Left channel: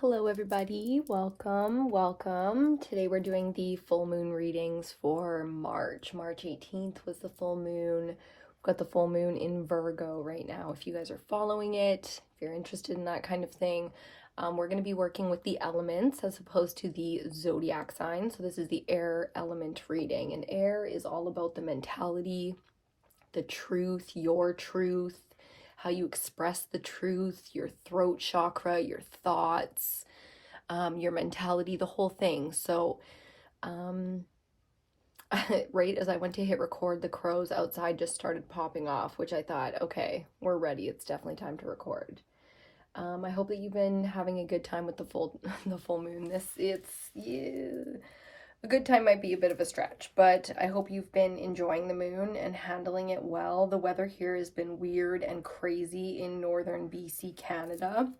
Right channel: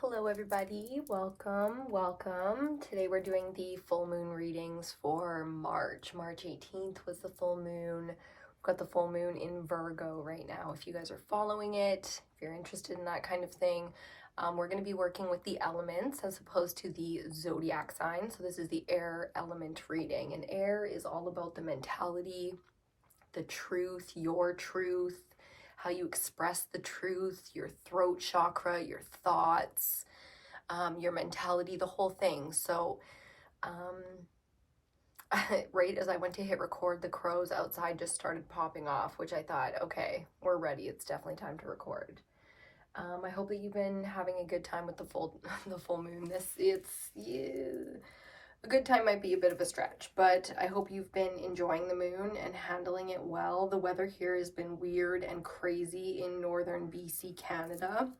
Hello everybody, welcome. Today we're doing the full moon readings for March. March 18th was the full moon. We've got the full moon in Virgo right now. If you guys are following it, if you're interested in that kind of thing, we're going to be working with the elements as opposed to the zodiac sign. So this is the air element reading, and air is all about the mentality, the truth, your truth, how you express the truth, your throat chakra, your thoughts, your mentality, the whole thing. So, right as I went to hit record, the crows outside just started popping off, which I thought, okay, we're ready. It's definitely time to record. I hope that you've been having a good time with the full moon. A good time might be a bit of a stretch, but I hope you've been enjoying the moon and handling it well. The weather here has been weird and crazy in northern BC, Canada.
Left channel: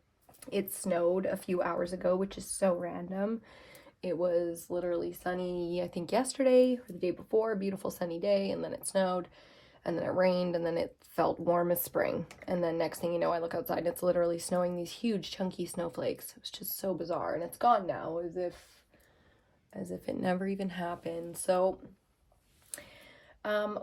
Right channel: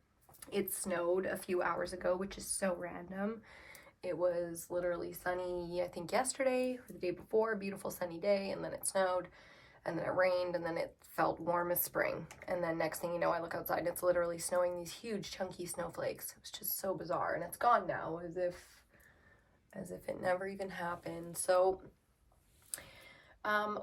It snowed a few hours ago, which is so random. It was literally sunny, I think yesterday or the day before, beautiful sunny day, and then it snowed, and then it rained, and then it felt warm as spring. And then next thing you know, I look outside, it's literally snowing these huge chunky snowflakes. It was just so bizarre, and it's gone now, as if it never even happened. So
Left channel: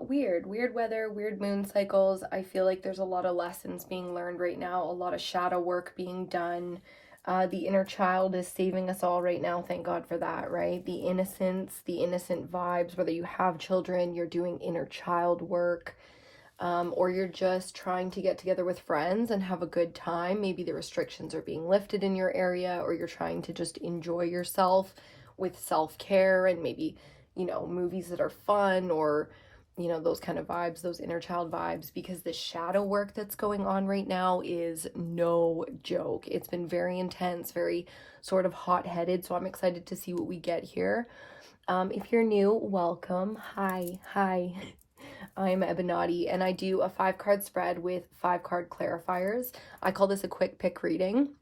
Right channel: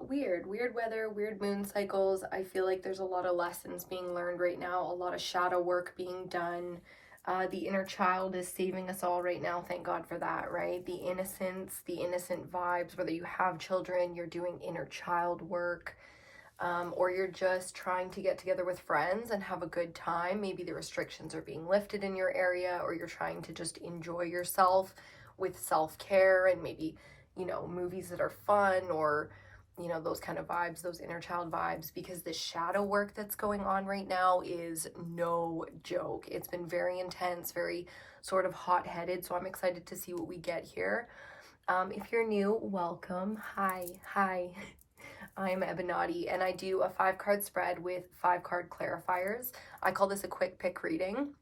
weird weather, weird moon cycles. I feel like there's a lot of lessons being learned right now, a lot of shadow work being done. The inner child is saving us all right now. Thank God for that, right? The innocence, the innocent vibes, whether you have children, you're doing inner child work, or you're just trying to get together with friends and have a good time. Maybe the restrictions are being lifted in your area, or you're trying to just enjoy yourself with self-care and maybe, movies that are fun, or, those kind of vibes, those inner child vibes, because the shadow work that's going on right now is no joke. It's been very intense, very sort of hot-headed, so I'm excited to see what we get here. If you're new, welcome. Hi. I'm EBINOTTI, and I do a 5-card spread with 5-card clarifiers. I call this a quick pick reading.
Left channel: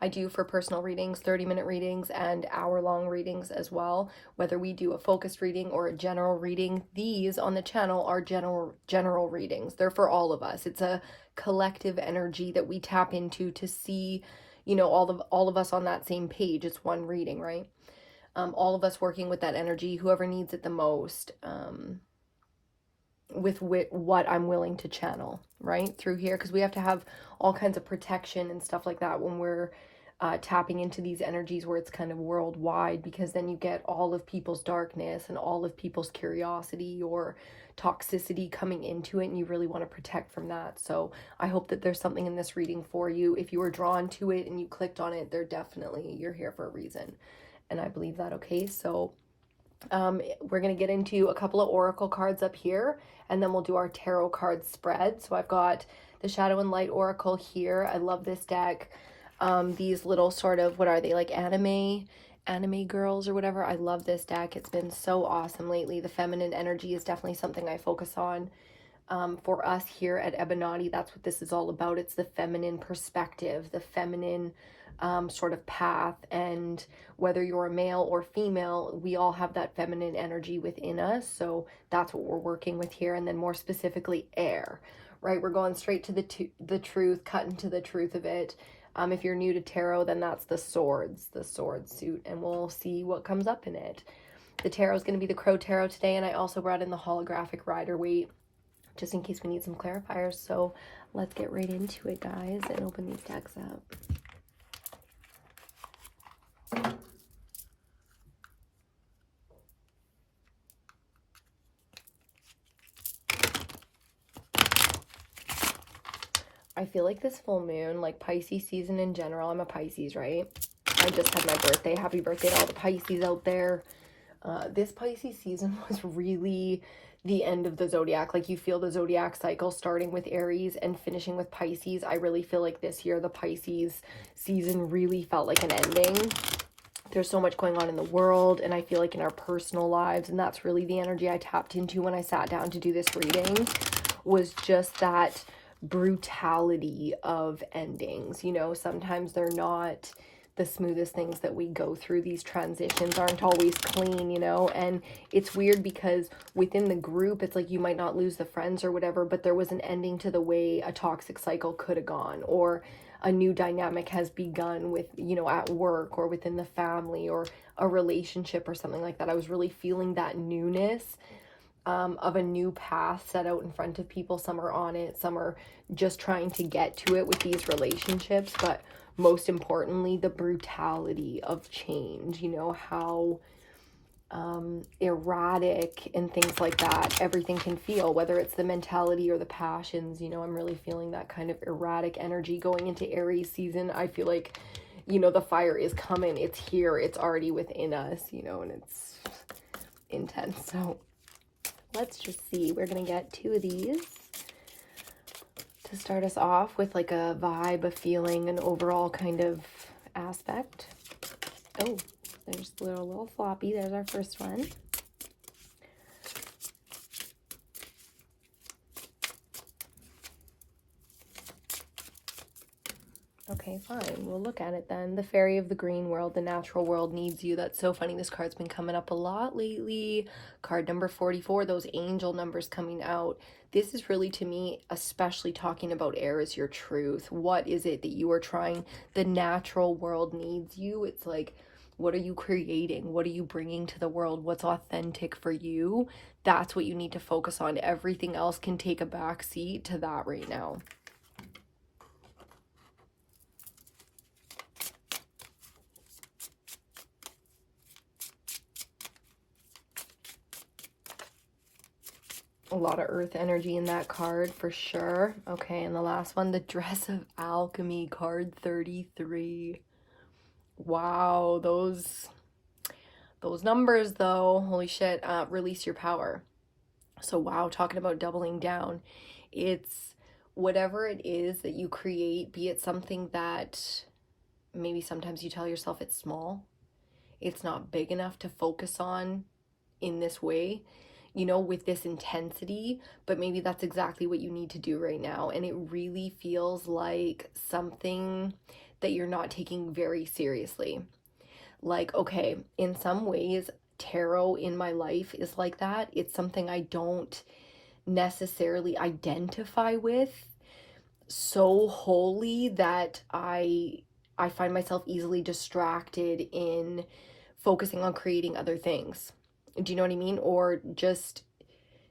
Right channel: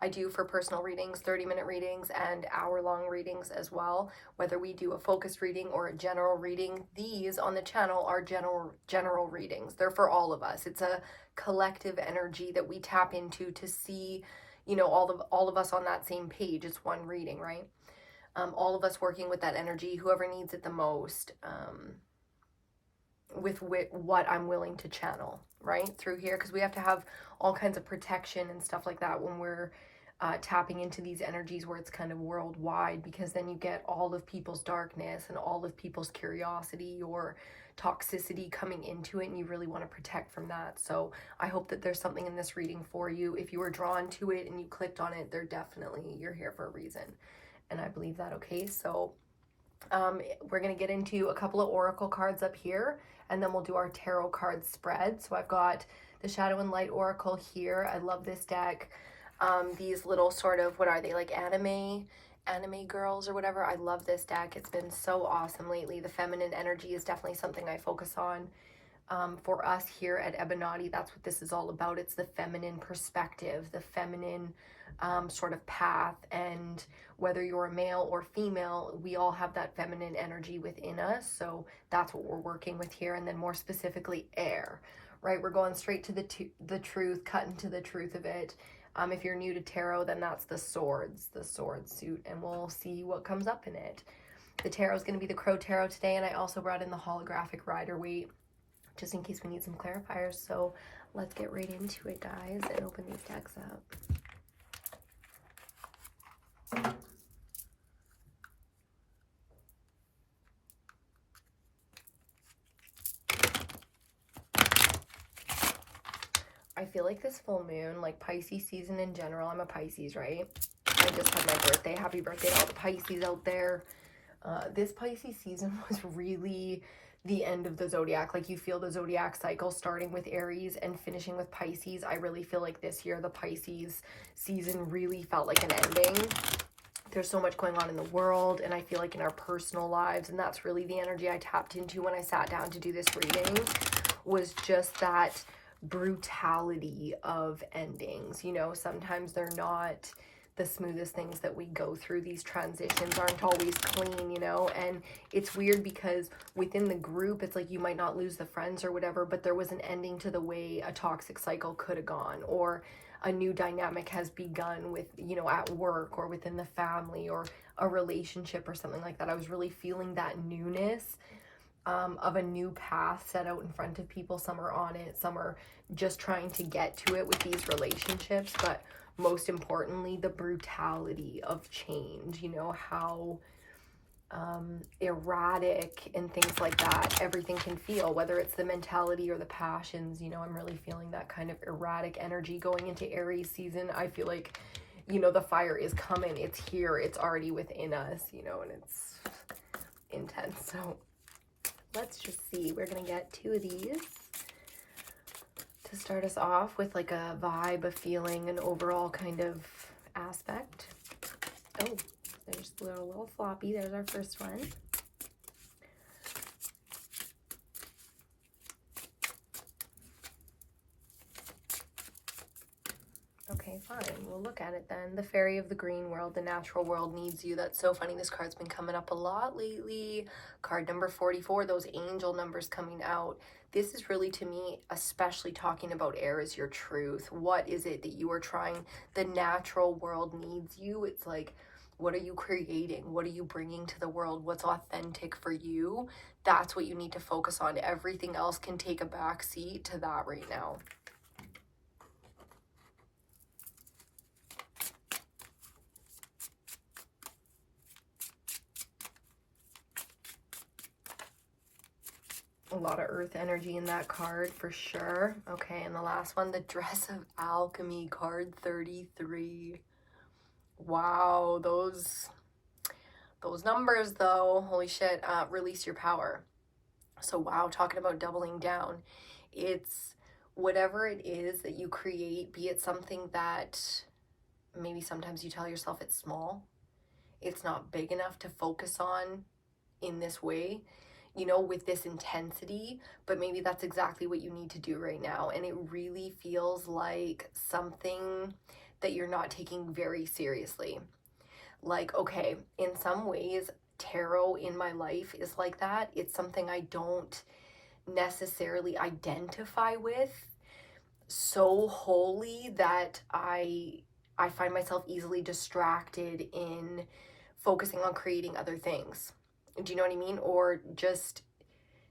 I do for personal readings, 30-minute readings, and hour-long readings as well. Whether we do a focused reading or a general reading, these on the channel are general readings. They're for all of us. It's a collective energy that we tap into to see, all of us on that same page. It's one reading, right? All of us working with that energy, whoever needs it the most, with what I'm willing to channel, right, through here, because we have to have all kinds of protection and stuff like that when we're tapping into these energies where it's kind of worldwide, because then you get all of people's darkness and all of people's curiosity or toxicity coming into it, and you really want to protect from that. So I hope that there's something in this reading for you. If you were drawn to it and you clicked on it, you're here for a reason, and I believe that. Okay, so we're going to get into a couple of oracle cards up here, and then we'll do our tarot card spread. So I've got the Shadow and Light Oracle here. I love this deck. These little sort of, what are they, like anime girls or whatever. I love this deck. It's been so awesome lately. The feminine energy is definitely something I focus on. For us here at EBINOTTI, that's what this is all about. It's the feminine perspective, the feminine sort of path, and whether you're a male or female, we all have that feminine energy within us. So that's what we're working with here. And then more specifically, air, right? We're going straight to the truth, cutting to the truth of it. If you're new to tarot, then that's the sword suit, and we'll see what comes up in it. The tarot is going to be the Crow Tarot today, and I also brought in the holographic Rider-Waite just in case we need some clarifiers. So let's get right into it, guys, and open these decks up. I feel like this full moon, like Pisces season in general, I'm a Pisces, right? I just had my birthday. Happy birthday to all the Pisces out there. This Pisces season was really the end of the zodiac. Like, you feel the zodiac cycle starting with Aries and finishing with Pisces. I really feel like this year the Pisces season really felt like an ending. There's so much going on in the world, and I feel like in our personal lives, and that's really the energy I tapped into when I sat down to do this reading, was just that brutality of endings. Sometimes they're not the smoothest things that we go through. These transitions aren't always clean, and it's weird because within the group, it's like you might not lose the friends or whatever, but there was an ending to the way a toxic cycle could have gone, or a new dynamic has begun with, you know, at work or within the family or a relationship or something like that. I was really feeling that newness of a new path set out in front of people. Some are on it, some are just trying to get to it with these relationships, but most importantly, the brutality of change, you know, how erratic and things like that everything can feel, whether it's the mentality or the passions. You know, I'm really feeling that kind of erratic energy going into Aries season. I feel like, you know, the fire is coming, it's here, it's already within us, you know, and it's intense. So let's just see, we're gonna get 2 of these to start us off with like a vibe, a feeling, an overall kind of aspect. Oh, there's a little floppy. There's our first one. Okay, fine. We'll look at it then. The fairy of the green world, the natural world needs you. That's so funny. This card's been coming up a lot lately. Card number 44, those angel numbers coming out. This is really, to me, especially talking about air, is your truth. What is it that you are trying? The natural world needs you. It's like, what are you creating? What are you bringing to the world? What's authentic for you? That's what you need to focus on. Everything else can take a back seat to that right now. A lot of earth energy in that card for sure. Okay, and the last one, the dress of alchemy, card 33. Wow, those numbers though, holy shit. Release your power. So wow, talking about doubling down. It's whatever it is that you create, be it something that maybe sometimes you tell yourself it's small, it's not big enough to focus on in this way, you know, with this intensity, but maybe that's exactly what you need to do right now. And it really feels like something that you're not taking very seriously. Like, okay, in some ways, tarot in my life is like that. It's something I don't necessarily identify with so wholly that I find myself easily distracted in focusing on creating other things. Do you know what I mean? Or just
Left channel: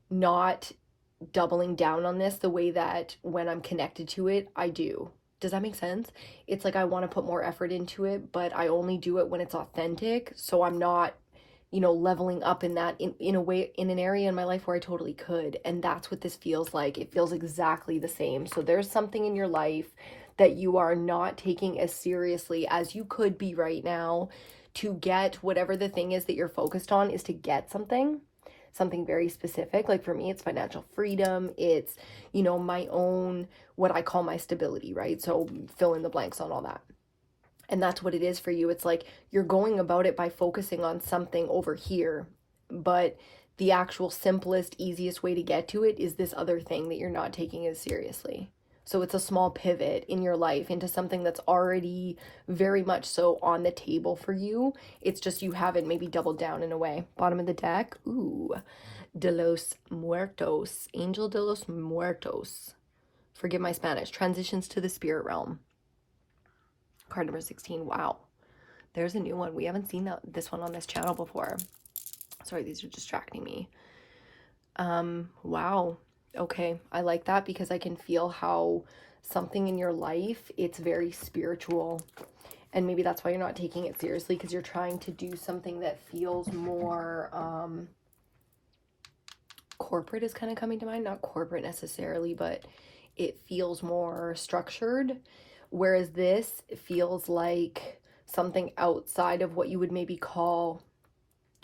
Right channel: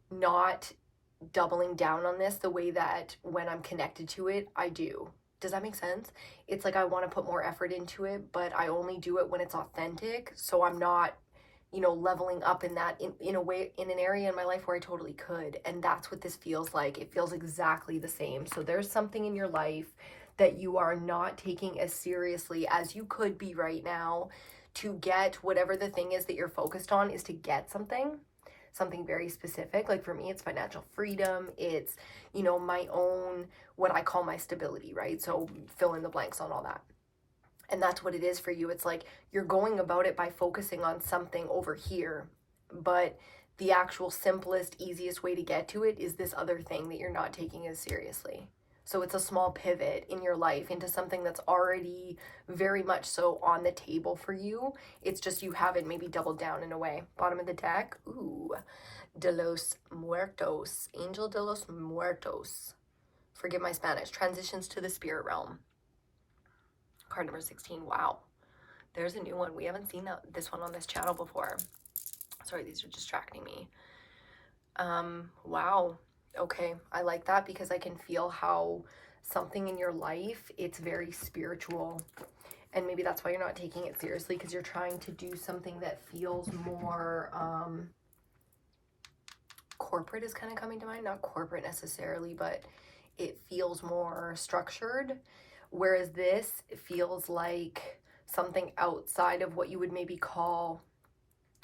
not doubling down on this the way that when I'm connected to it, I do. Does that make sense? It's like I want to put more effort into it, but I only do it when it's authentic. So I'm not, you know, leveling up in that in a way, in an area in my life where I totally could. And that's what this feels like. It feels exactly the same. So there's something in your life that you are not taking as seriously as you could be right now, to get whatever the thing is that you're focused on is to get something very specific. Like for me, it's financial freedom. It's, you know, my own, what I call my stability, right? So fill in the blanks on all that. And that's what it is for you. It's like you're going about it by focusing on something over here, but the actual simplest, easiest way to get to it is this other thing that you're not taking as seriously. So it's a small pivot in your life into something that's already very much so on the table for you. It's just you haven't maybe doubled down in a way. Bottom of the deck, ooh, de los muertos, angel de los muertos. Forgive my Spanish. Transitions to the spirit realm. Card number 16, wow. There's a new one. We haven't seen this one on this channel before. Sorry, these are distracting me. Wow. Okay, I like that because I can feel how something in your life, it's very spiritual. And maybe that's why you're not taking it seriously, because you're trying to do something that feels more corporate is kind of coming to mind. Not corporate necessarily, but it feels more structured. Whereas this feels like something outside of what you would maybe call,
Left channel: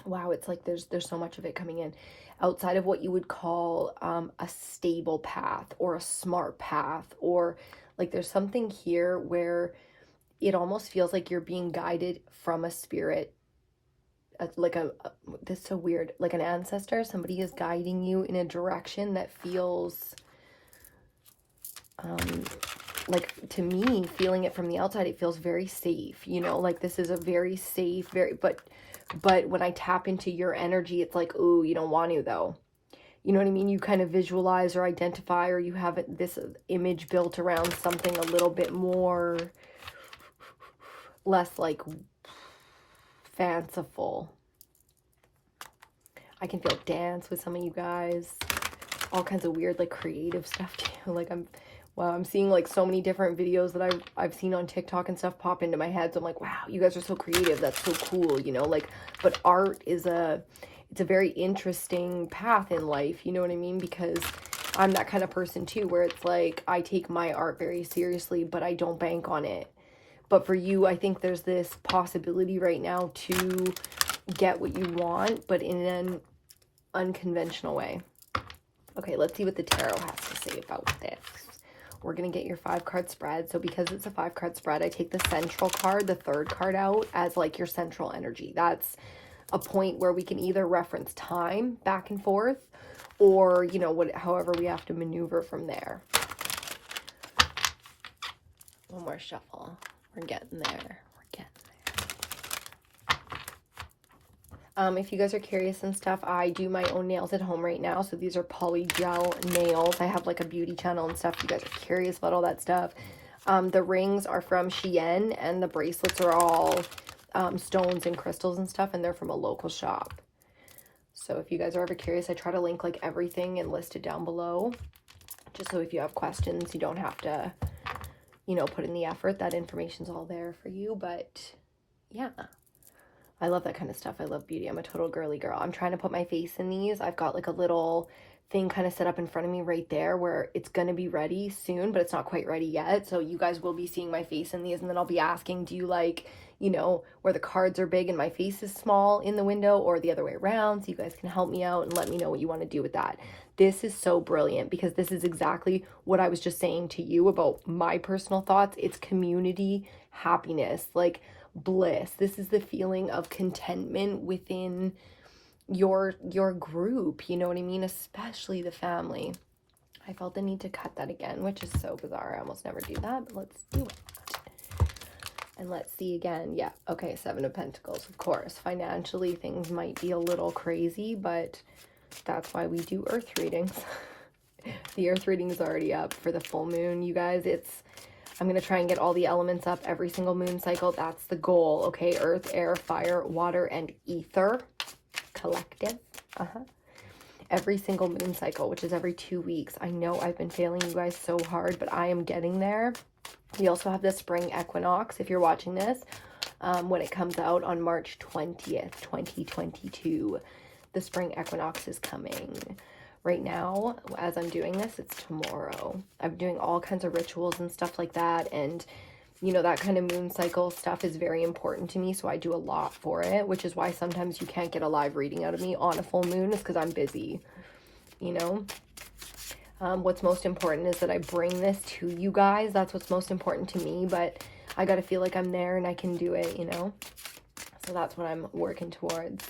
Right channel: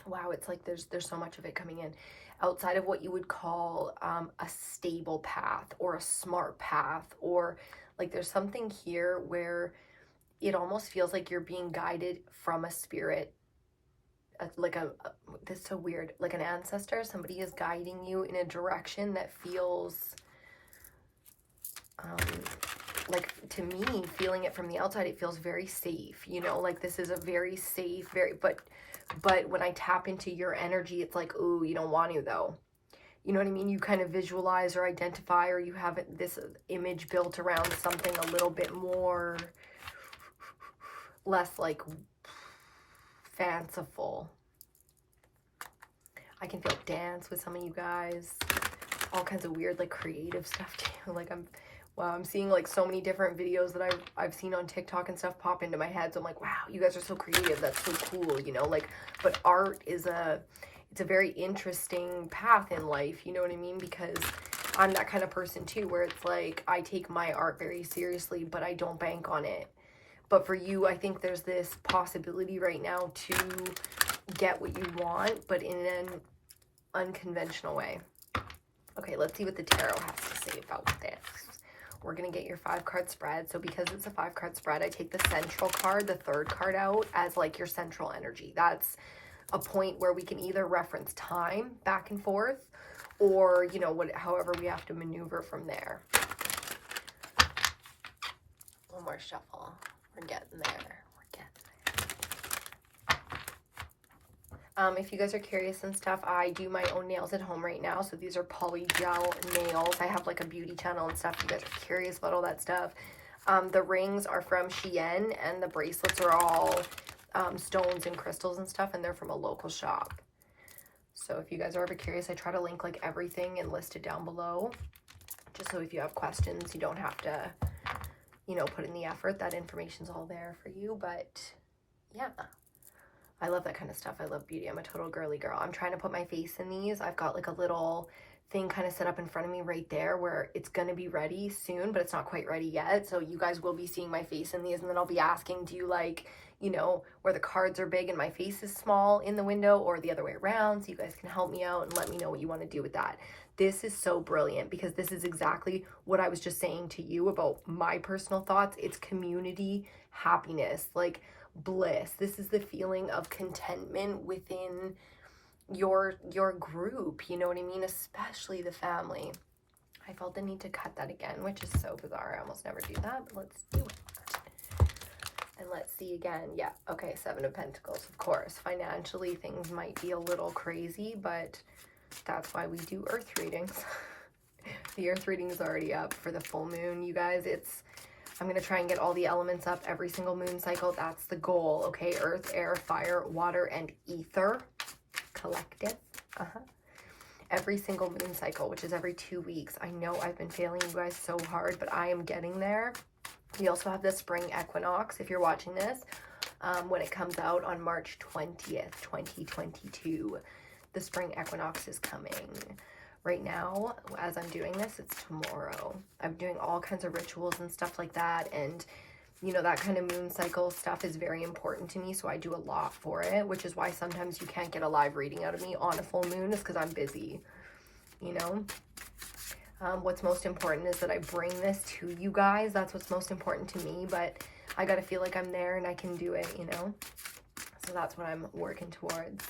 wow, it's like there's so much of it coming in. Outside of what you would call a stable path or a smart path, or like there's something here where it almost feels like you're being guided from a spirit, like this is so weird, like an ancestor. Somebody is guiding you in a direction that feels like, to me, feeling it from the outside, it feels very safe, you know, like this is a very safe, but when I tap into your energy, it's like, ooh, you don't want to though. you know what I mean? You kind of visualize or identify, or you have this image built around something a little bit more, less like fanciful. I can feel dance with some of you guys, all kinds of weird like creative stuff too. Like I'm seeing like so many different videos that I've seen on TikTok and stuff pop into my head. So I'm like, wow, you guys are so creative. That's so cool, you know, like, but art is it's a very interesting path in life, you know what I mean? Because I'm that kind of person too, where it's like, I take my art very seriously, but I don't bank on it. But for you, I think there's this possibility right now to get what you want, but in an unconventional way. Okay, let's see what the tarot has to say about this. We're going to get your 5-card spread. So because it's a 5-card spread, I take the central card, the 3rd card out as like your central energy. That's a point where we can either reference time back and forth, or, you know, however we have to maneuver from there. One more shuffle. We're getting there. If you guys are curious and stuff, I do my own nails at home right now. So these are poly gel nails. I have like a beauty channel and stuff. If you guys are curious about all that stuff. The rings are from Shein, and the bracelets are all stones and crystals and stuff, and they're from a local shop. So if you guys are ever curious, I try to link like everything and list it down below, just so if you have questions, you don't have to, you know, put in the effort. That information's all there for you. But yeah, I love that kind of stuff. I love beauty. I'm a total girly girl. I'm trying to put my face in these. I've got like a little thing kind of set up in front of me right there where it's going to be ready soon, but it's not quite ready yet. So you guys will be seeing my face in these, and then I'll be asking, do you like, you know, where the cards are big and my face is small in the window, or the other way around? So you guys can help me out and let me know what you want to do with that. This is so brilliant because this is exactly what I was just saying to you about my personal thoughts. It's community happiness, like bliss. This is the feeling of contentment within your group, you know what I mean? Especially the family. I felt the need to cut that again, which is so bizarre. I almost never do that, but let's do it. And let's see again. Yeah, okay, 7 of Pentacles, of course. Financially, things might be a little crazy, but that's why we do earth readings. The earth reading is already up for the full moon, you guys. I'm going to try and get all the elements up every single moon cycle. That's the goal, okay? Earth, air, fire, water, and ether. Collective. Every single moon cycle, which is every 2 weeks. I know I've been failing you guys so hard, but I am getting there. We also have the spring equinox, if you're watching this, when it comes out on March 20th, 2022. The spring equinox is coming. Right now, as I'm doing this, it's tomorrow. I'm doing all kinds of rituals and stuff like that, and you know, that kind of moon cycle stuff is very important to me, so I do a lot for it, which is why sometimes you can't get a live reading out of me on a full moon, is because I'm busy, you know? What's most important is that I bring this to you guys. That's what's most important to me, but I gotta feel like I'm there and I can do it, you know? So that's what I'm working towards.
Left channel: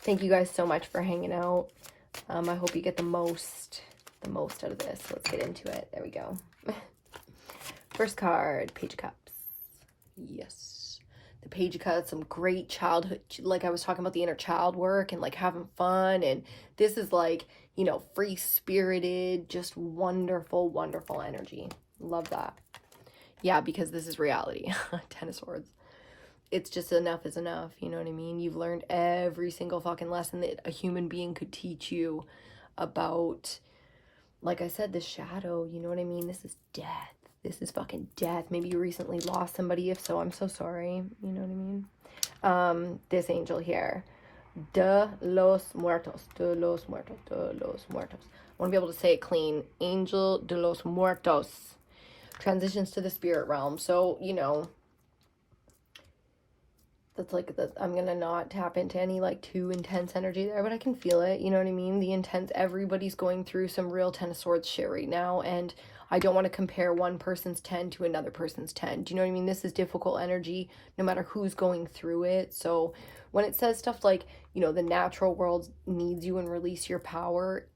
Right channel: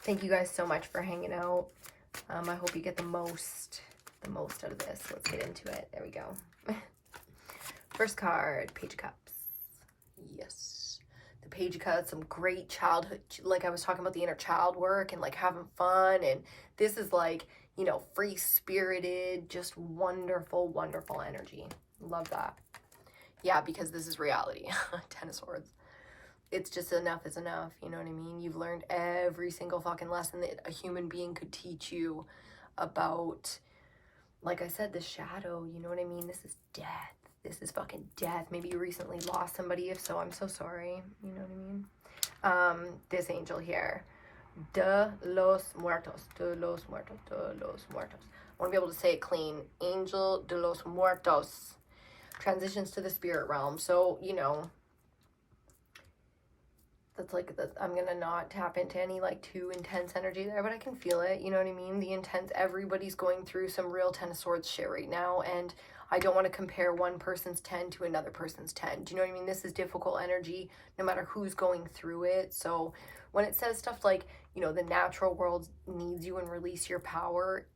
Thank you guys so much for hanging out. I hope you get the most out of this. Let's get into it. There we go. First card, Page of Cups. Yes. The Page of Cups, some great childhood, like I was talking about the inner child work and like having fun. And this is like, you know, free-spirited, just wonderful, wonderful energy. Love that. Yeah, because this is reality. 10 of Swords. It's just enough is enough, you know what I mean? You've learned every single fucking lesson that a human being could teach you about, like I said, the shadow, you know what I mean? This is death. This is fucking death. Maybe you recently lost somebody. If so, I'm so sorry. You know what I mean? This angel here. De los muertos. De los muertos. De los muertos. I want to be able to say it clean. Angel de los muertos. Transitions to the spirit realm. So, you know, that's like, I'm gonna not tap into any like too intense energy there, but I can feel it, you know what I mean? The intense, everybody's going through some real 10 of Swords shit right now, and I don't want to compare one person's 10 to another person's 10. Do you know what I mean? This is difficult energy no matter who's going through it. So when it says stuff like, you know, the natural world needs you and release your power,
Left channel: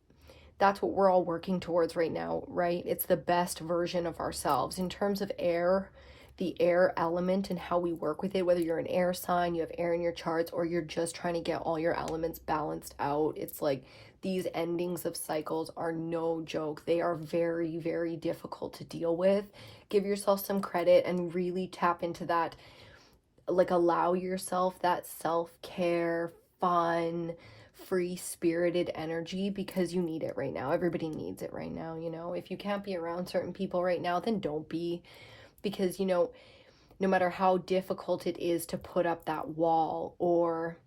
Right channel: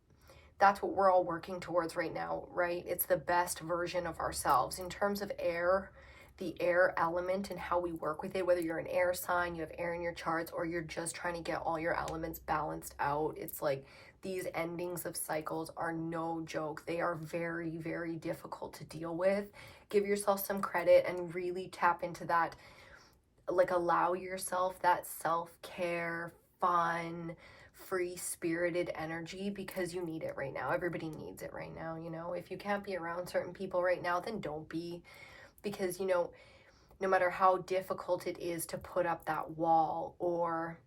that's what we're all working towards right now, right? It's the best version of ourselves. In terms of air, the air element and how we work with it, whether you're an air sign, you have air in your charts, or you're just trying to get all your elements balanced out, it's like these endings of cycles are no joke. They are very, very difficult to deal with. Give yourself some credit and really tap into that. Like, allow yourself that self-care, fun, free-spirited energy, because you need it right now. Everybody needs it right now, you know. If you can't be around certain people right now, then don't be, because, you know, no matter how difficult it is to put up that wall or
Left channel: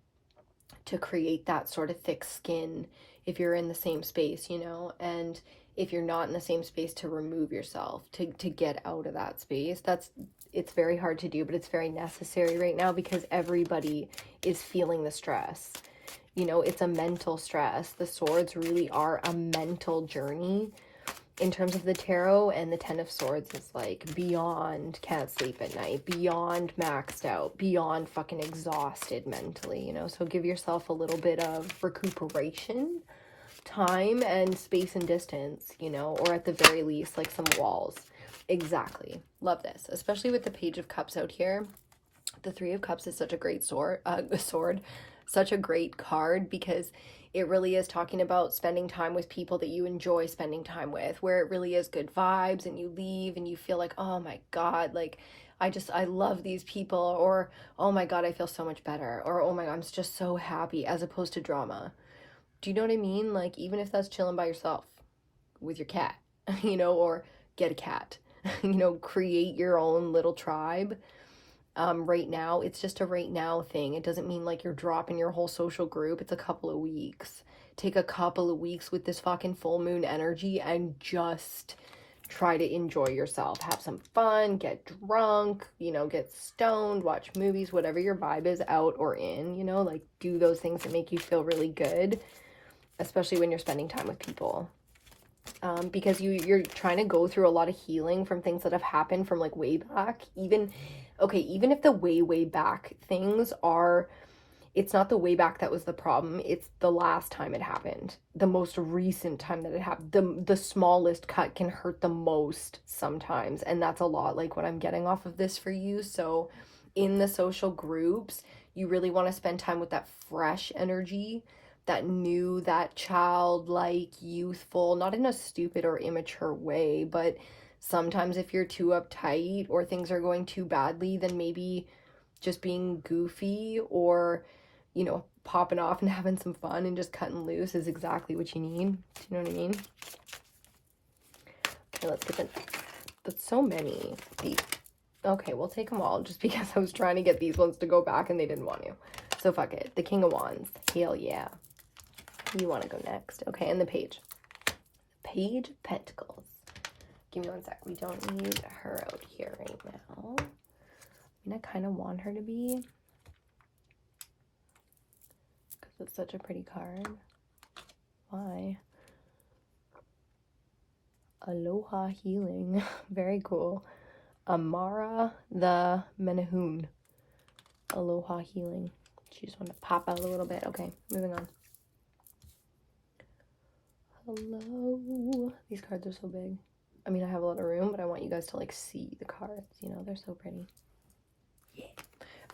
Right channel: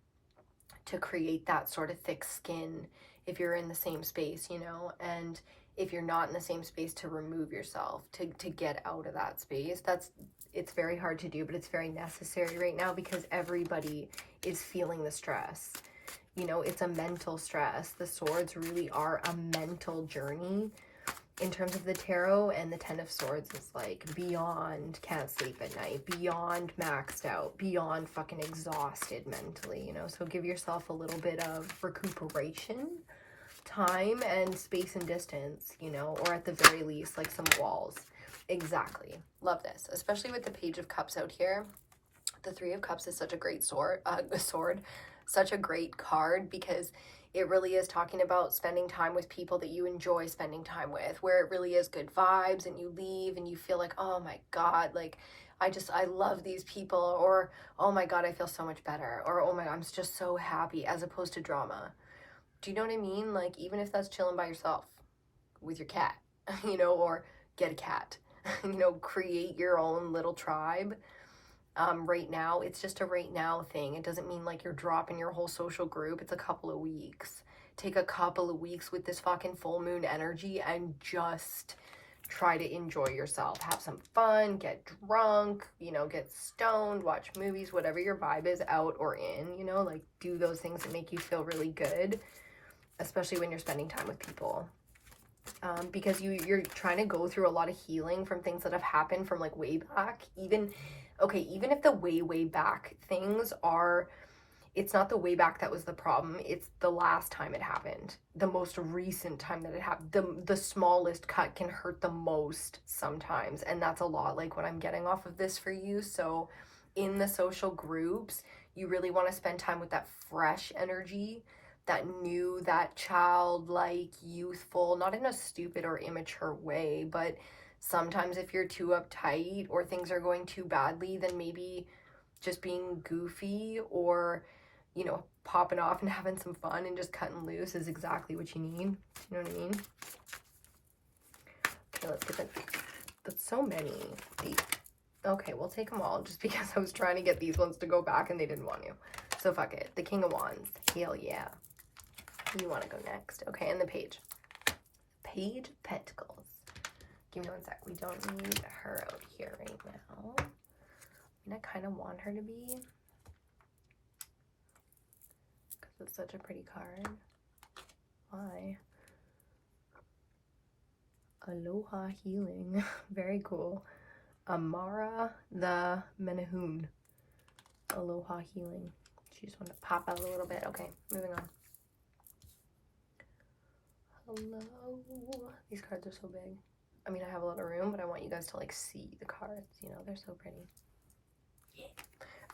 to create that sort of thick skin, if you're in the same space, you know, and if you're not in the same space, to remove yourself, to get out of that space. It's very hard to do, but it's very necessary right now, because everybody is feeling the stress. You know, it's a mental stress. The swords really are a mental journey in terms of the tarot, and the 10 of Swords is like beyond can't sleep at night, beyond maxed out, beyond fucking exhausted mentally, you know. So give yourself a little bit of recuperation time and space and distance, you know, or at the very least, like some walls. Exactly. Love this, especially with the Page of Cups out here. The Three of Cups is such a great sword, such a great card, because it really is talking about spending time with people that you enjoy spending time with, where it really is good vibes, and you leave and you feel like, oh my God, like, I love these people, or, oh my God, I feel so much better, or, oh my God, I'm just so happy, as opposed to drama. Do you know what I mean? Like, even if that's chilling by yourself with your cat, you know, or get a cat, you know, create your own little tribe. Right now, it's just a right now thing. It doesn't mean like you're dropping your whole social group. It's a couple of weeks. Take a couple of weeks with this fucking full moon energy and just try to enjoy yourself. Have some fun, get drunk, you know, get stoned, watch movies, whatever your vibe is, out or in, you know, like do those things that make you feel really good, especially when you're spending time with people. Because you're trying to go through a lot of healing from things that have happened from like way back. Even if the way back things are, it's not the way back that was the problem, it's the last time it happened, the most recent time that it happened. The smallest cut can hurt the most sometimes, and that's a lot like what I'm getting off of this for you. So in the social groups, you really want to spend time with that fresh energy, that new, that childlike, youthful, not in a stupid or immature way, but sometimes if you're too uptight or things are going too badly, then maybe just being goofy or, you know, popping off and having some fun and just cutting loose is exactly what you need. Do you know what I mean? Okay, let's get that. That's so many. Okay, we'll take them all, just because I was trying to get these ones to go back and they didn't want to. So fuck it. The King of Wands. Hell yeah. You want to go next. Okay, and the Page. Page of Pentacles. Give me one sec. We don't need her out here right now. I mean, I kind of want her to be, because it's such a pretty card. Why? Aloha Healing. Very cool. Amara the Menahun. Aloha Healing. She just wanted to pop out a little bit. Okay, moving on. Hello. These cards are so big. I mean, I have a lot of room, but I want you guys to like see the cards, you know, they're so pretty. Yeah.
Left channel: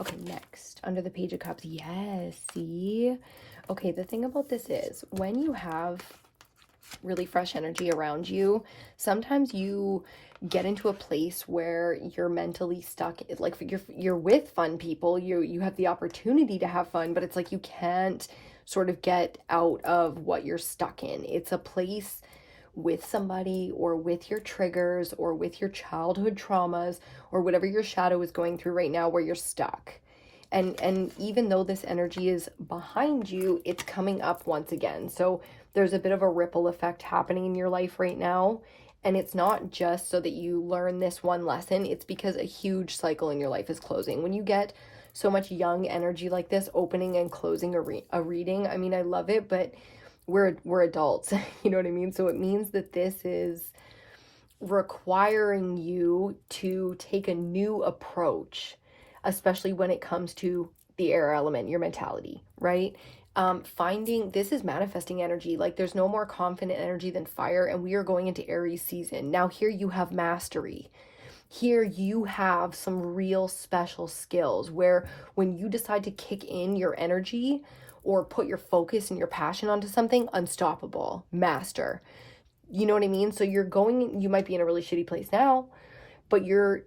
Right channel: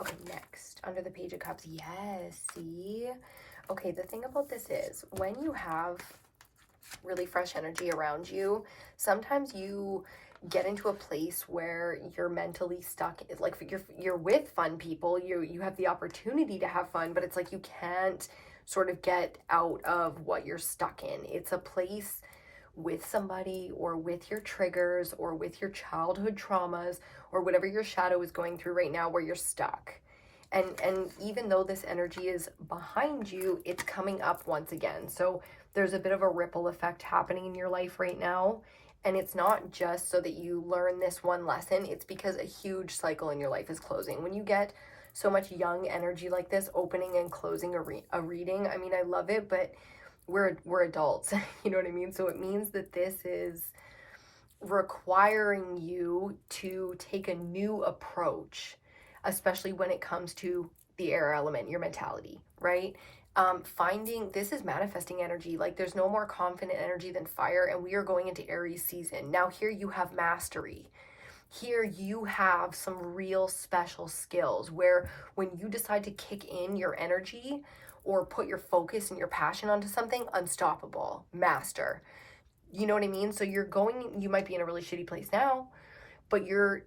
Okay, next, under the Page of Cups. Yes, see? Okay, the thing about this is, when you have really fresh energy around you, sometimes you get into a place where you're mentally stuck. It's like you're with fun people, you have the opportunity to have fun, but it's like you can't sort of get out of what you're stuck in. It's a place with somebody, or with your triggers, or with your childhood traumas, or whatever your shadow is going through right now, where you're stuck. And even though this energy is behind you, it's coming up once again. So there's a bit of a ripple effect happening in your life right now. And it's not just so that you learn this one lesson, it's because a huge cycle in your life is closing. When you get so much young energy like this, opening and closing a reading, I mean, I love it, but we're adults, you know what I mean? So it means that this is requiring you to take a new approach, especially when it comes to the air element, your mentality, right? Finding, this is manifesting energy. Like, there's no more confident energy than fire, and we are going into Aries season. Now here you have mastery. Here you have some real special skills where when you decide to kick in your energy, or put your focus and your passion onto something, unstoppable, master. You know what I mean? So you might be in a really shitty place now, but you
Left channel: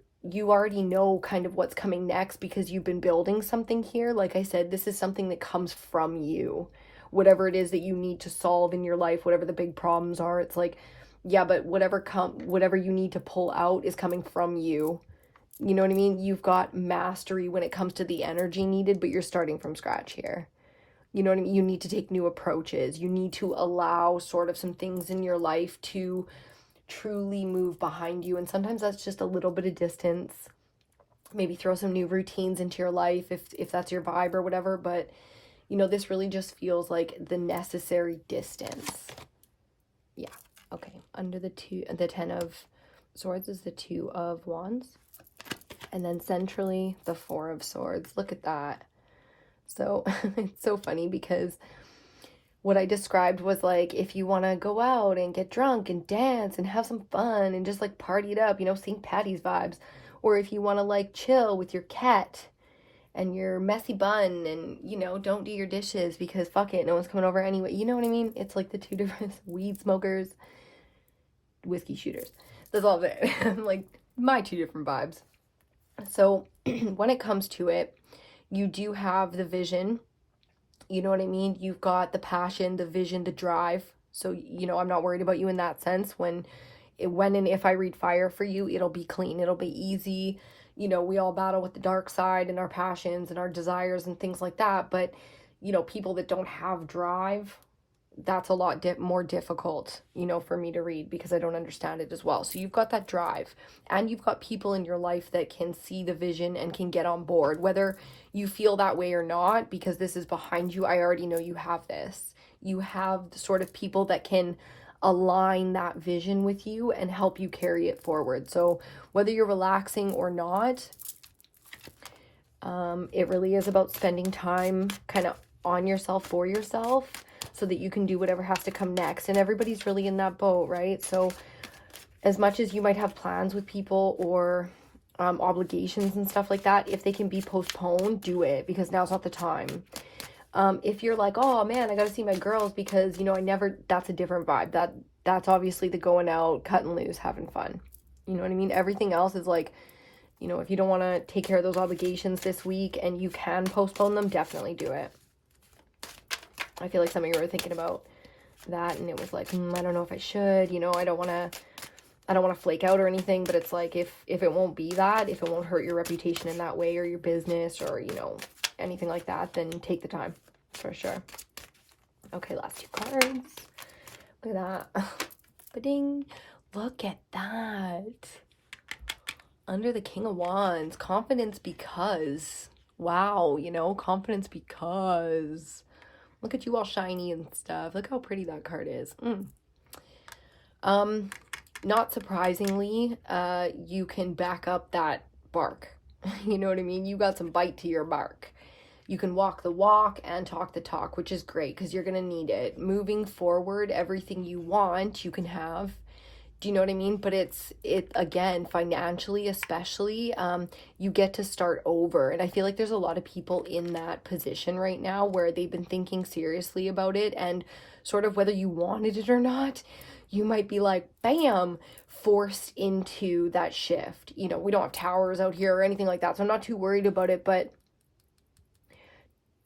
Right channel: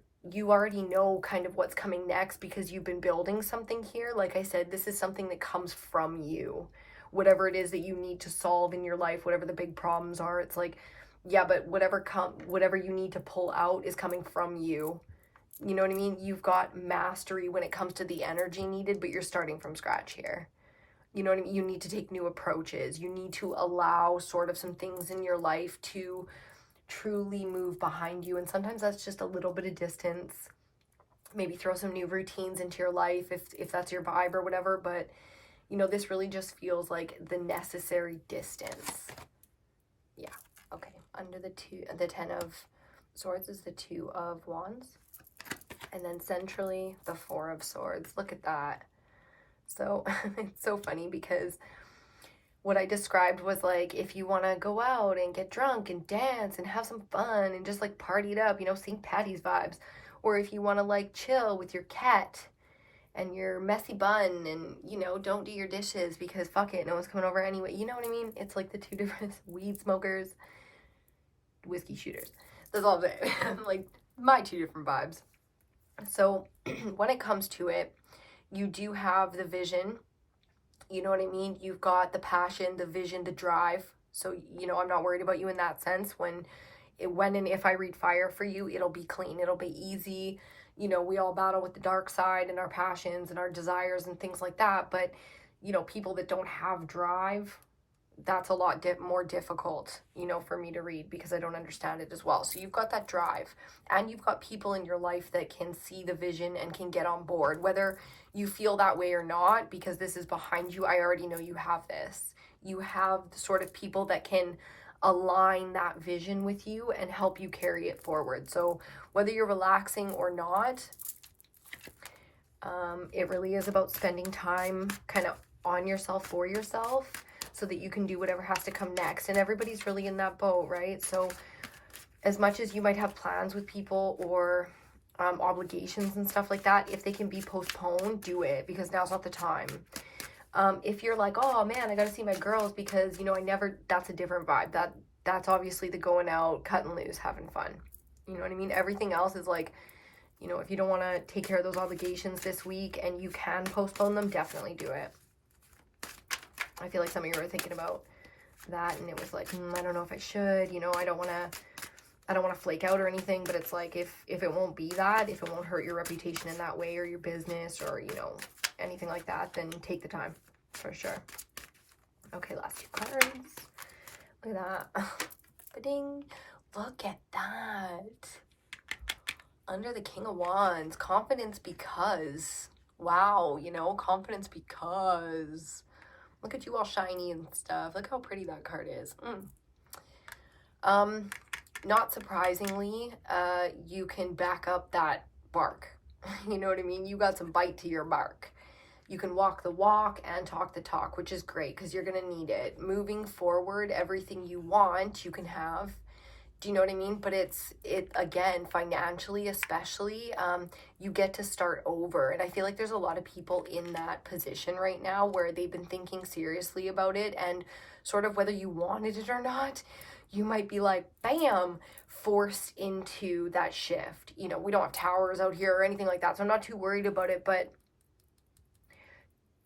already know kind of what's coming next because you've been building something here. Like I said, this is something that comes from you. Whatever it is that you need to solve in your life, whatever the big problems are, it's like, yeah, but whatever you need to pull out is coming from you. You know what I mean? You've got mastery when it comes to the energy needed, but you're starting from scratch here. You know what I mean? You need to take new approaches. You need to allow sort of some things in your life to truly move behind you. And sometimes that's just a little bit of distance. Maybe throw some new routines into your life if that's your vibe or whatever. But, you know, this really just feels like the necessary distance. Yeah. Okay. Under the 10 of Swords is the 2 of Wands. And then centrally, the 4 of Swords. Look at that. So it's so funny because what I described was like, if you want to go out and get drunk and dance and have some fun and just like party it up, you know, St. Patty's vibes. Or if you want to like chill with your cat and your messy bun and, you know, don't do your dishes because fuck it, no one's coming over anyway. You know what I mean? It's like the 2 different weed smokers, whiskey shooters. That's all of it. Like my 2 different vibes. So when it comes to it, you do have the vision. You know what I mean? You've got the passion, the vision, the drive. So, you know, I'm not worried about you in that sense. When and if I read fire for you, it'll be clean. It'll be easy. You know, we all battle with the dark side and our passions and our desires and things like that. But, you know, people that don't have drive, that's a lot more difficult, you know, for me to read because I don't understand it as well. So you've got that drive and you've got people in your life that can see the vision and can get on board, whether you feel that way or not, because this is behind you. I already know you have this. You have the sort of people that can align that vision with you and help you carry it forward. So whether you're relaxing or not, it really is about spending time kind of on yourself, for yourself, so that you can do whatever has to come next. And everybody's really in that boat, right? So as much as you might have plans with people or obligations and stuff like that, if they can be postponed, do it, because now's not the time. If you're like, oh man, I gotta see my girls because, you know, that's a different vibe. That's obviously the going out, cutting loose, having fun. You know what I mean? Everything else is like, you know, if you don't want to take care of those obligations this week and you can postpone them, definitely do it. I feel like some of you were thinking about that and it was like, I don't know if I should, you know, I don't want to flake out or anything, but it's like, if it won't be that, if it won't hurt your reputation in that way or your business or, you know, anything like that, then take the time for sure. Okay, last 2 cards. Look at that. Ba-ding. Look at that. Under the King of Wands, confidence because, wow, you know, confidence because. Look at you all shiny and stuff. Look how pretty that card is. Not surprisingly, you can back up that bark. You know what I mean? You got some bite to your bark. You can walk the walk and talk the talk, which is great because you're going to need it. Moving forward, everything you want, you can have. Do you know what I mean? But it again, financially especially, you get to start over. And I feel like there's a lot of people in that position right now where they've been thinking seriously about it, and sort of whether you wanted it or not, you might be like, bam, forced into that shift. You know, we don't have towers out here or anything like that, so I'm not too worried about it. But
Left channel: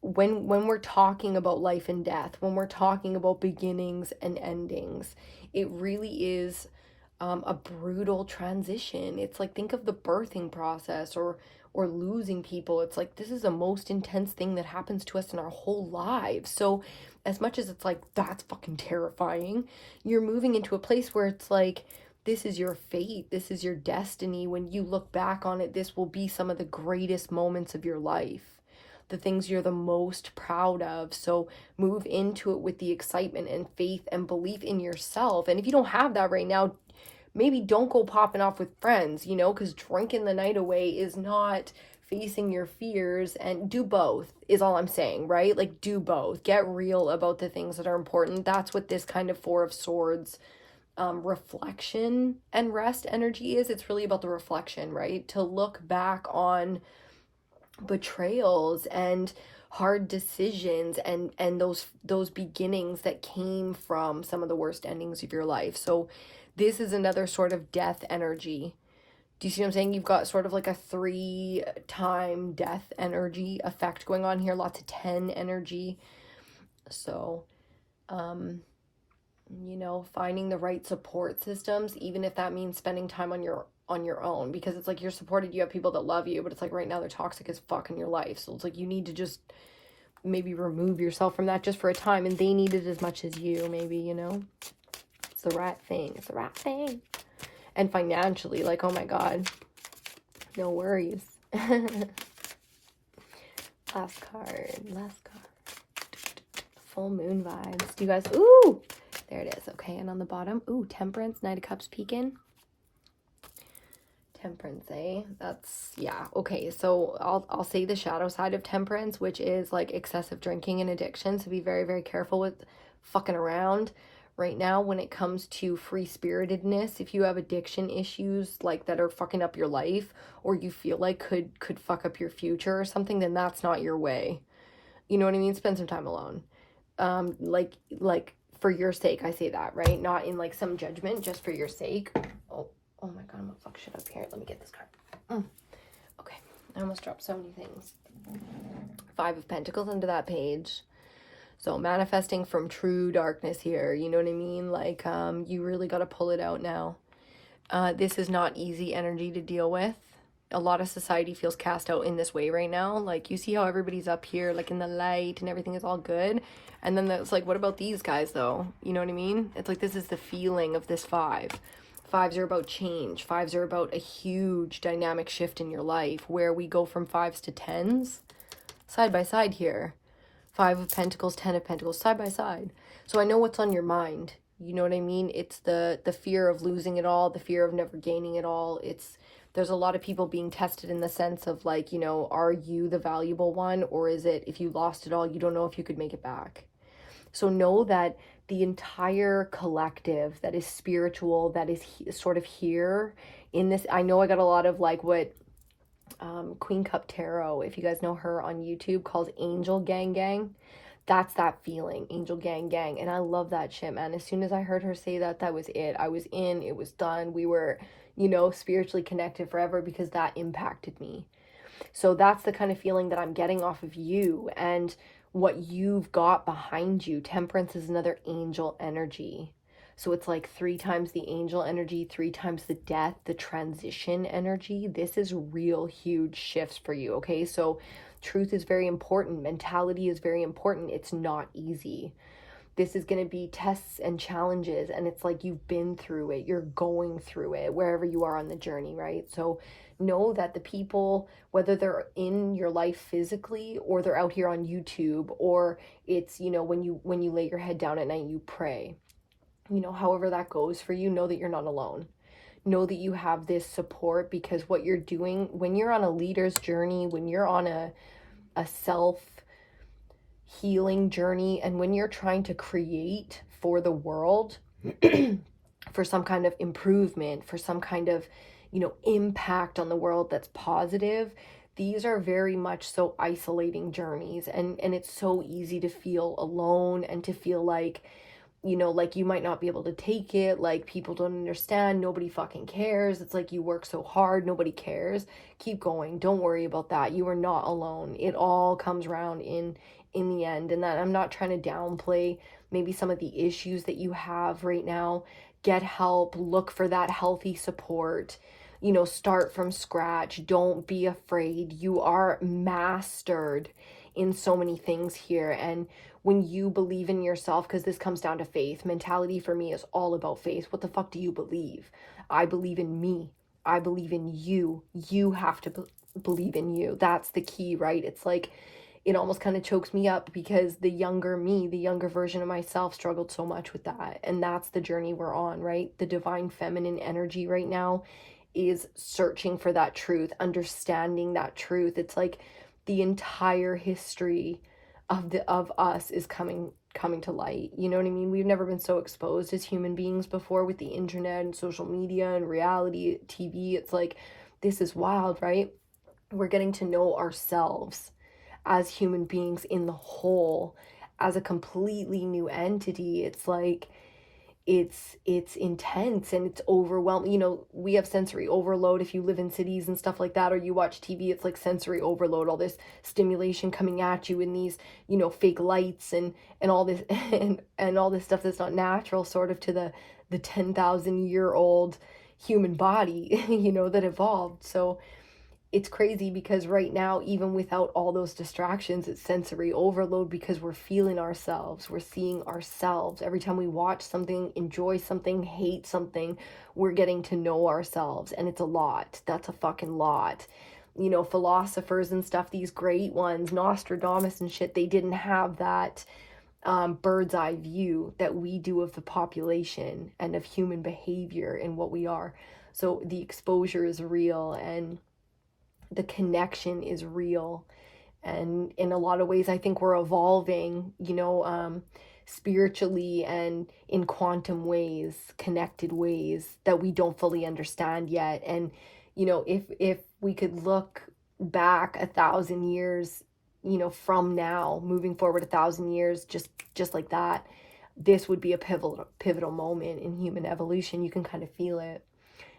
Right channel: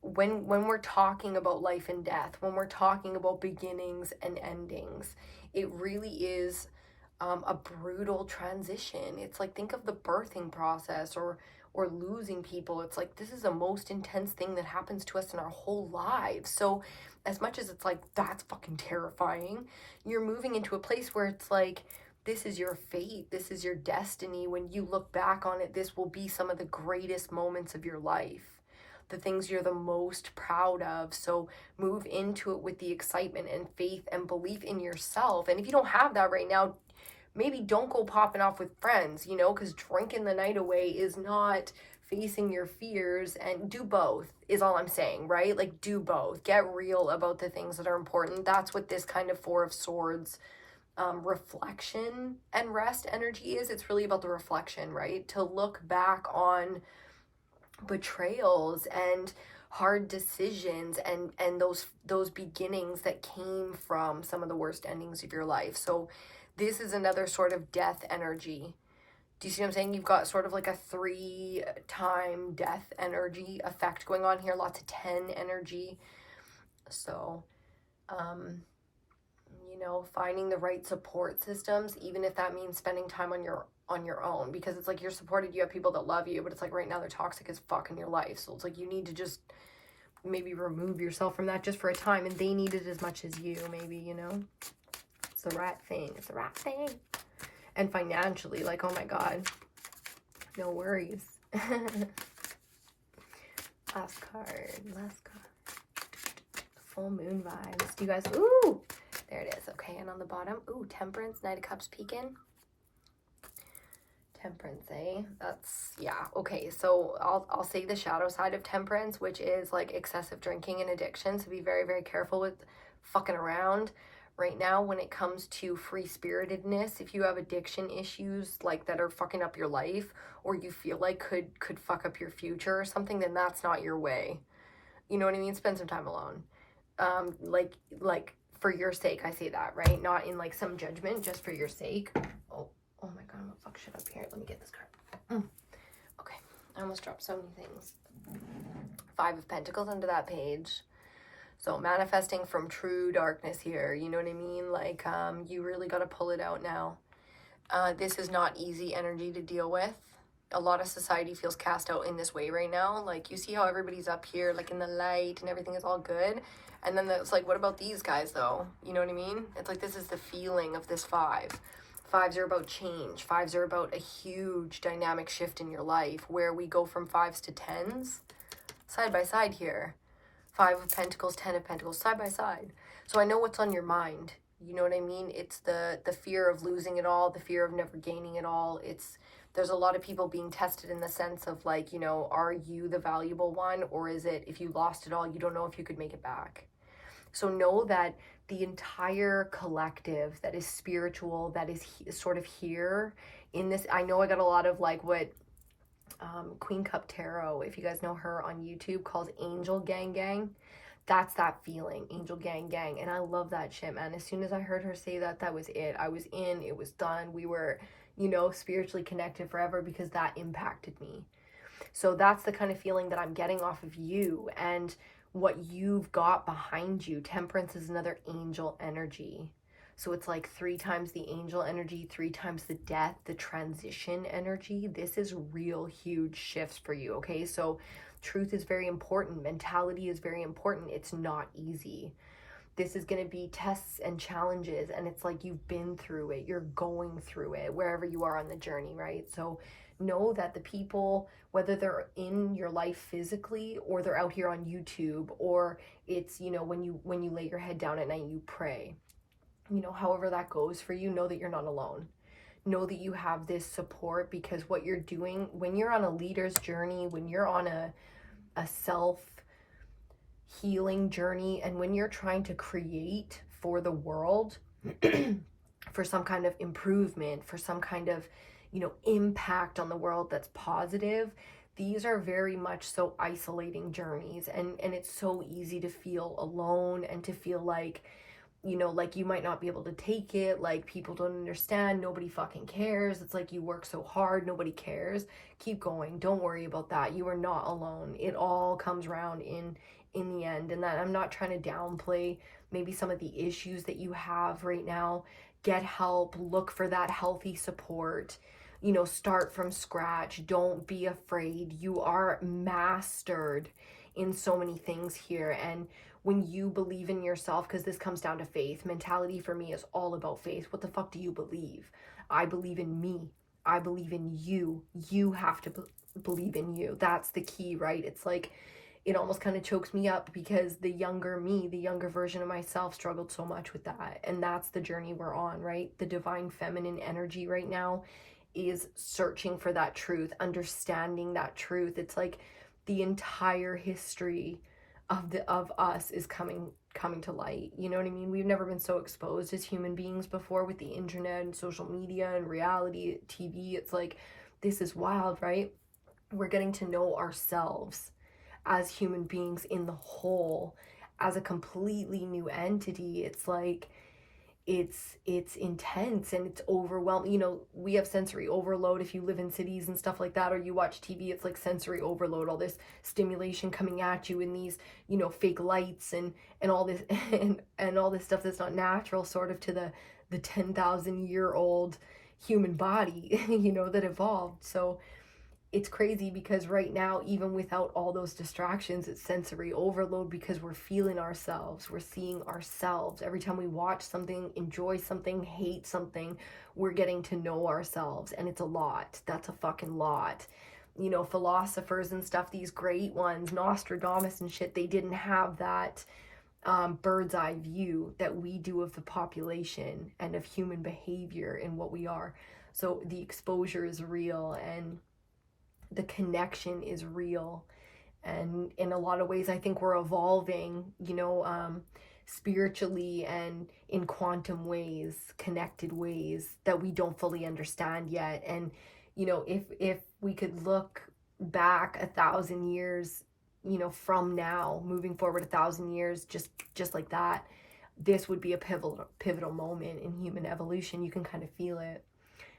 when we're talking about life and death, when we're talking about beginnings and endings, it really is a brutal transition. It's like, think of the birthing process or losing people. It's like, this is the most intense thing that happens to us in our whole lives. So as much as it's like, that's fucking terrifying, you're moving into a place where it's like, this is your fate, this is your destiny. When you look back on it, this will be some of the greatest moments of your life, the things you're the most proud of. So move into it with the excitement and faith and belief in yourself. And if you don't have that right now, maybe don't go popping off with friends, you know, because drinking the night away is not facing your fears. And do both is all I'm saying, right? Like, do both. Get real about the things that are important. That's what this kind of 4 of Swords reflection and rest energy is. It's really about the reflection, right? To look back on betrayals and hard decisions and those beginnings that came from some of the worst endings of your life. So this is another sort of death energy. Do you see what I'm saying? You've got sort of like a 3-time death energy effect going on here, lots of 10 energy. So you know, finding the right support systems, even if that means spending time on your own, because it's like you're supported, you have people that love you, but it's like right now they're toxic as fuck in your life. So it's like you need to just maybe remove yourself from that just for a time, and they need it as much as you, maybe, you know. It's the right thing. It's the right thing. And financially, like, oh my god, no worries. Last card. Full moon vibes. Do you guys, ooh, there it is. Okay, and on the bottom, ooh, Temperance, Knight of Cups peeking. Temperance, eh? That's, yeah, okay. So I'll say the shadow side of Temperance, which is like excessive drinking and addiction. So be very, very careful with fucking around right now when it comes to free-spiritedness. If you have addiction issues like that are fucking up your life, or you feel like could fuck up your future or something, then that's not your way. You know what I mean? Spend some time alone. Like for your sake, I say that, right? Not in like some judgment, just for your sake. Oh my god, I'm gonna fuck shit up here. Let me get this card. Okay, I almost dropped so many things. 5 of Pentacles into that page. So manifesting from true darkness here, you know what I mean? Like, you really got to pull it out now. This is not easy energy to deal with. A lot of society feels cast out in this way right now. Like, you see how everybody's up here, like in the light, and everything is all good. And then it's like, what about these guys though? You know what I mean? It's like, this is the feeling of this 5. 5s are about change. 5s are about a huge dynamic shift in your life where we go from 5s to 10s side by side here. 5 of Pentacles, 10 of Pentacles, side by side. So I know what's on your mind. You know what I mean? It's the fear of losing it all, the fear of never gaining it all. There's a lot of people being tested in the sense of like, you know, are you the valuable one? Or is it, if you lost it all, you don't know if you could make it back? So know that the entire collective that is spiritual, that is sort of here in this. I know I got a lot of like what Queen Cup Tarot, if you guys know her on YouTube, calls Angel Gang Gang. That's that feeling, Angel Gang Gang. And I love that shit, man. As soon as I heard her say that, that was it. I was in, it was done. We were, you know, spiritually connected forever because that impacted me. So that's the kind of feeling that I'm getting off of you and what you've got behind you. Temperance is another angel energy. So it's like 3 times the angel energy, 3 times the death, the transition energy. This is real huge shifts for you, okay? So truth is very important. Mentality is very important. It's not easy. This is going to be tests and challenges, and it's like you've been through it. You're going through it wherever you are on the journey, right? So know that the people, whether they're in your life physically or they're out here on YouTube, or it's, you know, when you lay your head down at night, you pray. You know, however that goes for you, know that you're not alone. Know that you have this support, because what you're doing when you're on a leader's journey, when you're on a self-healing journey, and when you're trying to create for the world, for some kind of improvement, for some kind of, you know, impact on the world that's positive, these are very much so isolating journeys. And it's so easy to feel alone and to feel like, you know, like you might not be able to take it, like people don't understand, nobody fucking cares. It's like you work so hard, nobody cares. Keep going, don't worry about that. You are not alone. It all comes around in the end. And that I'm not trying to downplay maybe some of the issues that you have right now. Get help, look for that healthy support, you know, start from scratch. Don't be afraid. You are mastered in so many things here. And when you believe in yourself, because this comes down to faith, mentality for me is all about faith. What the fuck do you believe? I believe in me. I believe in you. You have to believe in you. That's the key, right? It's like, it almost kind of chokes me up because the younger me, the younger version of myself struggled so much with that. And that's the journey we're on, right? The divine feminine energy right now is searching for that truth, understanding that truth. It's like the entire history of us is coming to light. You know what I mean? We've never been so exposed as human beings before with the internet and social media and reality TV. It's like, this is wild, right? We're getting to know ourselves as human beings in the whole, as a completely new entity. It's like, it's intense and it's overwhelming. You know, we have sensory overload if you live in cities and stuff like that, or you watch TV. It's like sensory overload, all this stimulation coming at you, and these, you know, fake lights and all this and all this stuff that's not natural, sort of, to the 10,000-year-old human body, you know, that evolved. So it's crazy because right now, even without all those distractions, it's sensory overload because we're feeling ourselves, we're seeing ourselves. Every time we watch something, enjoy something, hate something, we're getting to know ourselves, and it's a lot. That's a fucking lot. You know, philosophers and stuff, these great ones, Nostradamus and shit, they didn't have that bird's eye view that we do of the population and of human behavior and what we are. So the exposure is real, and the connection is real. And in a lot of ways, I think we're evolving, you know, spiritually and in quantum ways, connected ways that we don't fully understand yet. And, you know, if we could look back 1,000 years, you know, from now, moving forward 1,000 years, just like that, this would be a pivotal moment in human evolution. You can kind of feel it.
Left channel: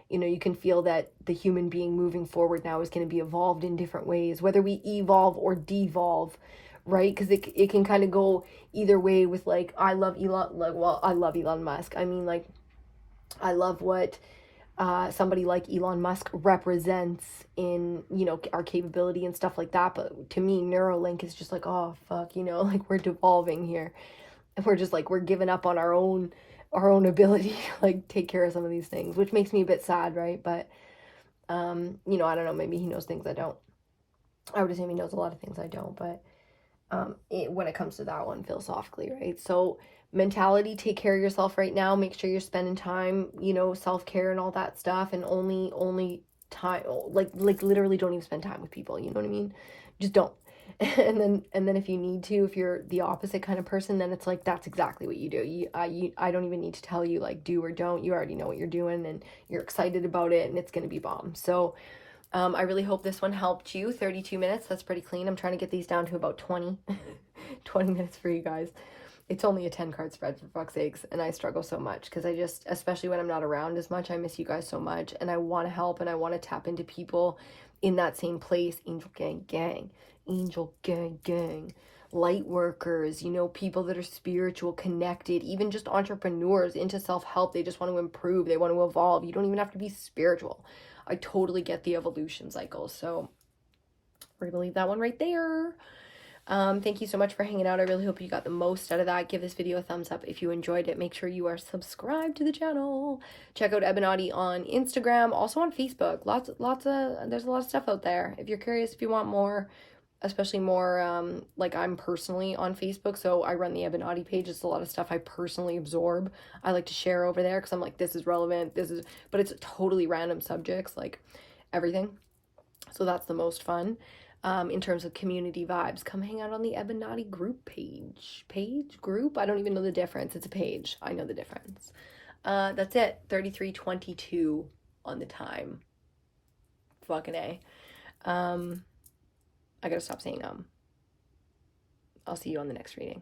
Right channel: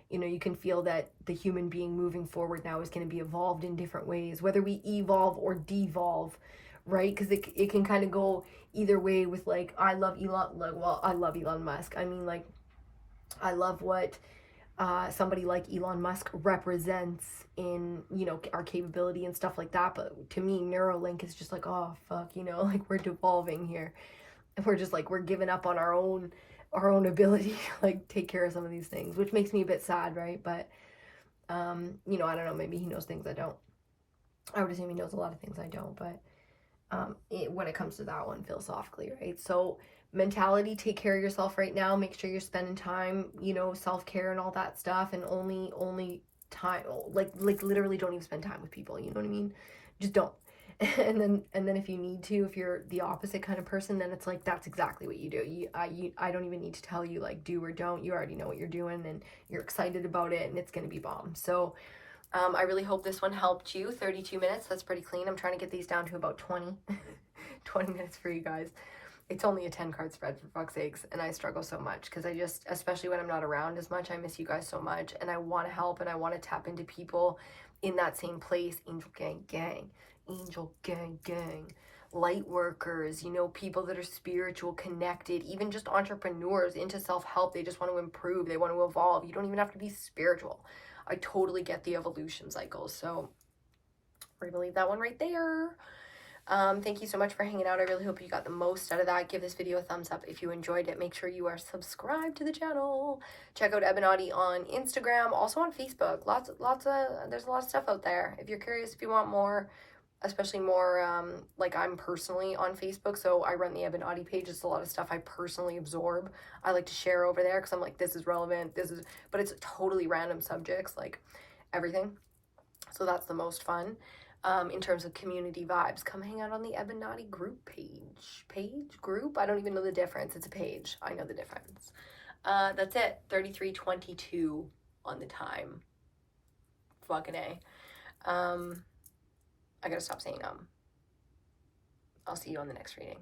You know, you can feel that the human being moving forward now is going to be evolved in different ways, whether we evolve or devolve, right? Because it can kind of go either way with, like, I love Elon, like, well, I love Elon Musk. I mean, like, I love what somebody like Elon Musk represents in, you know, our capability and stuff like that. But to me, Neuralink is just like, oh, fuck, you know, like, we're devolving here. And we're just like, we're giving up on our own ability to, like, take care of some of these things, which makes me a bit sad, right? But you know, I don't know, maybe he knows things I don't. I would assume he knows a lot of things I don't, but when it comes to that one philosophically, right? So mentality, take care of yourself right now, make sure you're spending time, you know, self-care and all that stuff, and only time, like literally don't even spend time with people, you know what I mean? Just don't. And then if you need to, if you're the opposite kind of person, then it's like, that's exactly what you do. I don't even need to tell you, like, do or don't. You already know what you're doing, and you're excited about it, and it's going to be bomb. So I really hope this one helped you. 32 minutes, that's pretty clean. I'm trying to get these down to about 20 20 minutes for you guys. It's only a 10 card spread, for fuck's sakes, and I struggle so much because I just, especially when I'm not around as much, I miss you guys so much, and I want to help, and I want to tap into people in that same place. Angel gang, angel gang, light workers, you know, people that are spiritual, connected, even just entrepreneurs into self-help. They just want to improve, they want to evolve. You don't even have to be spiritual. I totally get the evolution cycle. So we're gonna leave that one right there. Thank you so much for hanging out. I really hope you got the most out of that. Give this video a thumbs up if you enjoyed it. Make sure you are subscribed to the channel. Check out EBINOTTI on Instagram, also on Facebook. There's a lot of stuff out there. If you're curious, if you want more, especially more, like, I'm personally on Facebook, so I run the EBINOTTI page. It's a lot of stuff I personally absorb. I like to share over there because I'm like, this is relevant, but it's totally random subjects, like everything. So that's the most fun. In terms of community vibes, come hang out on the EBINOTTI group group. I don't even know the difference. It's a page. I know the difference. That's it. 33:22 on the time. Fucking A. I gotta stop saying I'll see you on the next reading.